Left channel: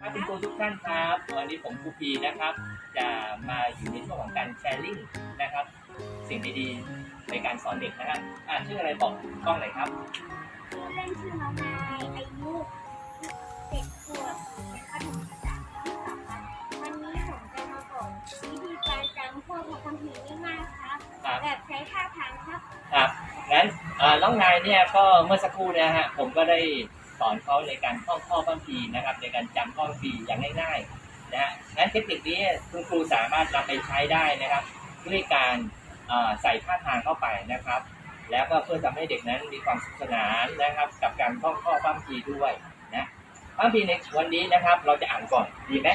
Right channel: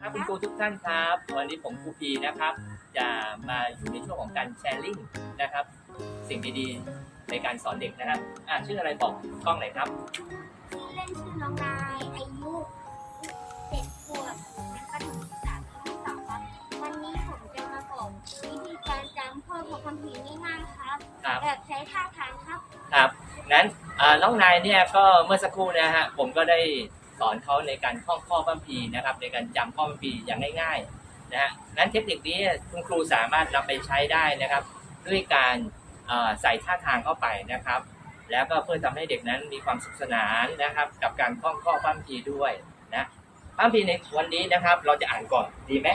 ครับคุณครูทุกท่านครับ วันนี้ผมครูพีนะครับ จะมาอยู่ในช่วงของการแชร์ลิงก์นะครับ สิ่งดีๆในการสอนเด็กนะครับอ่าชื่ออะไรบอกกล้องหน่อยครับ ชื่อเล่นชื่อน้องนายอายุเจ็ดขวบเป็นขนมภาษาที่สองครับวันนี้ผมจะมาบอกวิธีการจำพวกพระคัมภีร์ง่ายๆครับครับ แบบใช้ท่าทางครับ ครับ นั้นอ่าน้องนายเนี่ยก็เมื่อสักครู่นะฮะผมก็ได้ สอนเขาในการท่องข้อพระคัมภีนะครับ ในการจำข้อบัมพีอย่างง่ายๆนะฮะนั้นเทคนิคนี้คุณครูสามารถนำไปใช้ได้นะครับ ด้วยการใส่ท่าทางเข้าไปนะครับ แล้วก็เพื่อทำให้เด็กนั้นมีความสุขสนานนะครับ กับการท่องข้อพระคัมภีด้วยนะพระคัมพีในวันนี้นะครับ เราจะอ่านก่อนดีไหม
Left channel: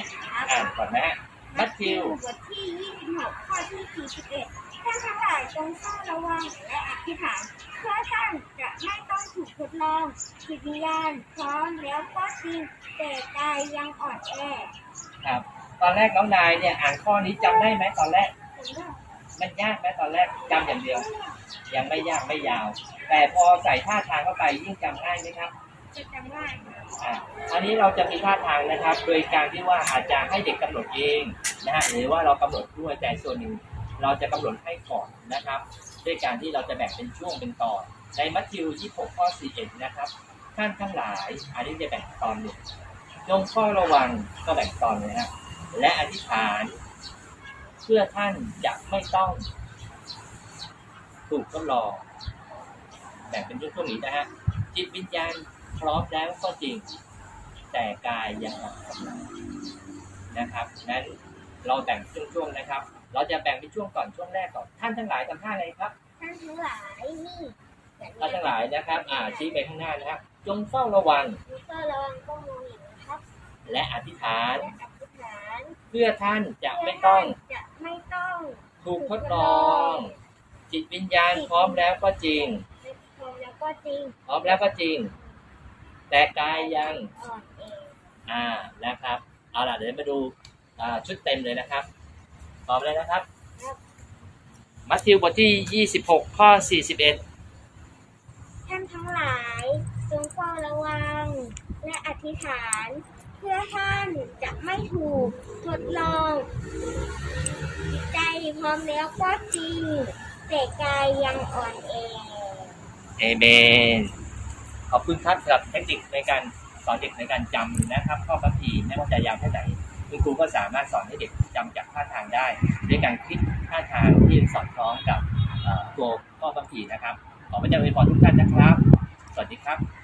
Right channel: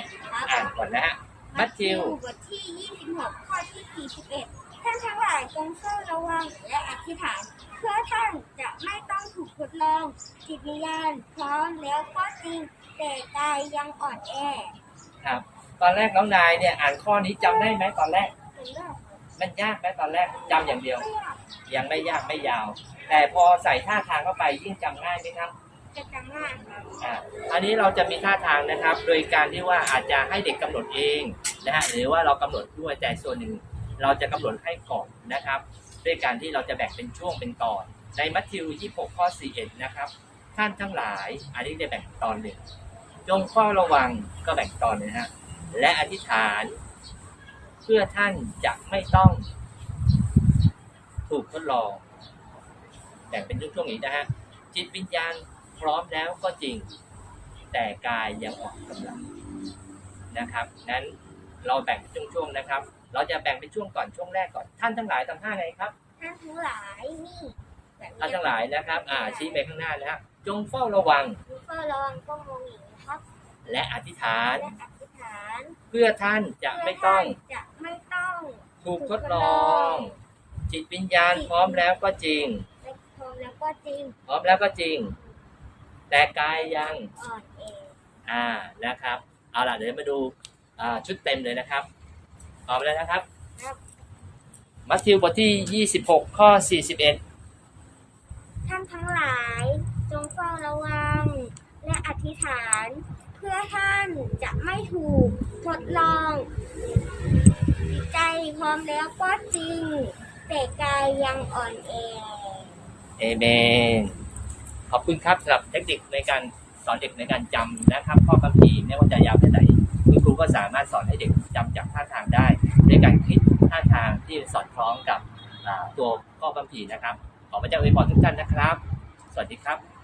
อ่านก่อนนะฮะ มัทธิวบทที่ 26 ข้อที่ 41 ท่านทั้งหลายจงเฝ้าระวังและอธิษฐาน เพื่อท่านจะไม่ต้องถูกทดลอง จิตวิญญาณพร้อมแล้วก็จริง แต่กายยังอ่อนแอครับ ตอนแรกน้องนายเนี่ยอ่านข้อนี้จำได้ไหมตอนแรก ผมเลือกมันยากไหมตอนแรกจำอย่างเดียวเลือกยังไม่ยากไม่ยาว แต่พอใส่ท่าทางเข้าไปยิ่งจำง่ายไหมครับ จะจำง่ายครับ อ่าอันนี้เราจะมีท่าทางนะครับ โดยการที่ว่าอาจจะให้เด็กกำหนดเอง นะฮะหรือว่าเรากำหนดด้วยแต่ส่วนหนึ่งเราจะกำหนดให้ก่อนนะครับ ด้วยการที่เราจะแบ่งเป็นช่วงเป็นตอนในมัทธิว26ข้อ41นะครับท่านทั้งหลาย อันนี้จะแบ่งตอนหนึ่งจงเฝ้าระวังก็แบ่งตอนหนึงนะฮะและอธิษฐาน เพื่อท่านจะไม่ต้อง ถูกทดลองแบ่งเป็นช่วงๆนี้นะฮะจิตวิญญาณพร้อมแล้วก็จริง แต่กายยังอ่อนกำลังนะครับนั้น เราแบ่งช่วงๆนะครับ เราจะแบ่งเป็นช่วงก่อนช่วงแรกก่อน ท่านทั้งหลายทำท่าไงครับท่านทั้งหลายนี่แบบนี้ท่านทั้งหลายนะครับ อ่าชี้ไปข้างหน้านะฮะจงเฝ้าระวังดูเฝ้าระวังก็มองอย่างนี้ครับและอธิษฐาน และอธิษฐานเพื่อท่านจะไม่ต้องเพื่ท่านจะไม่ต้องถูกทดลอง จิตวิญญาณพร้อมแล้วก็จริง และพร้อมแล้วก็จริงพร้อมแล้วก็จริง แต่กายยัง อ่อนเอง อ่านะครับ เอาล่ะเดี๋ยวมาดู อ่าชุดเต็มเลยนะครับพร้อมแล้วนะครับ ครับ มัทธิวบทที่ 26 ข้อ 41 ท่านทั้งหลายจงเฝ้าระวัง และอธิษฐาน เพื่อท่านจะไม่ถูกทดลองจิตใจพร้อมแล้วก็จริง แต่กายยังอ่อนแอ เอเมน ขอบคุณครับสำหรับเทคนิคในการ สอนเด็กในการจำนะครับข้อคำพีร์ไม่ว่าจะยาวแค่ไหนคุณครูก็สามารถสอนให้เด็กจำจากท่าทางได้ด้วยการคิดท่าทางที่สอดคล้องกับตัวข้อคำพีร์นะครับขอพระเจ้าอวยพรทุกท่านนะครับ สวัสดีครับ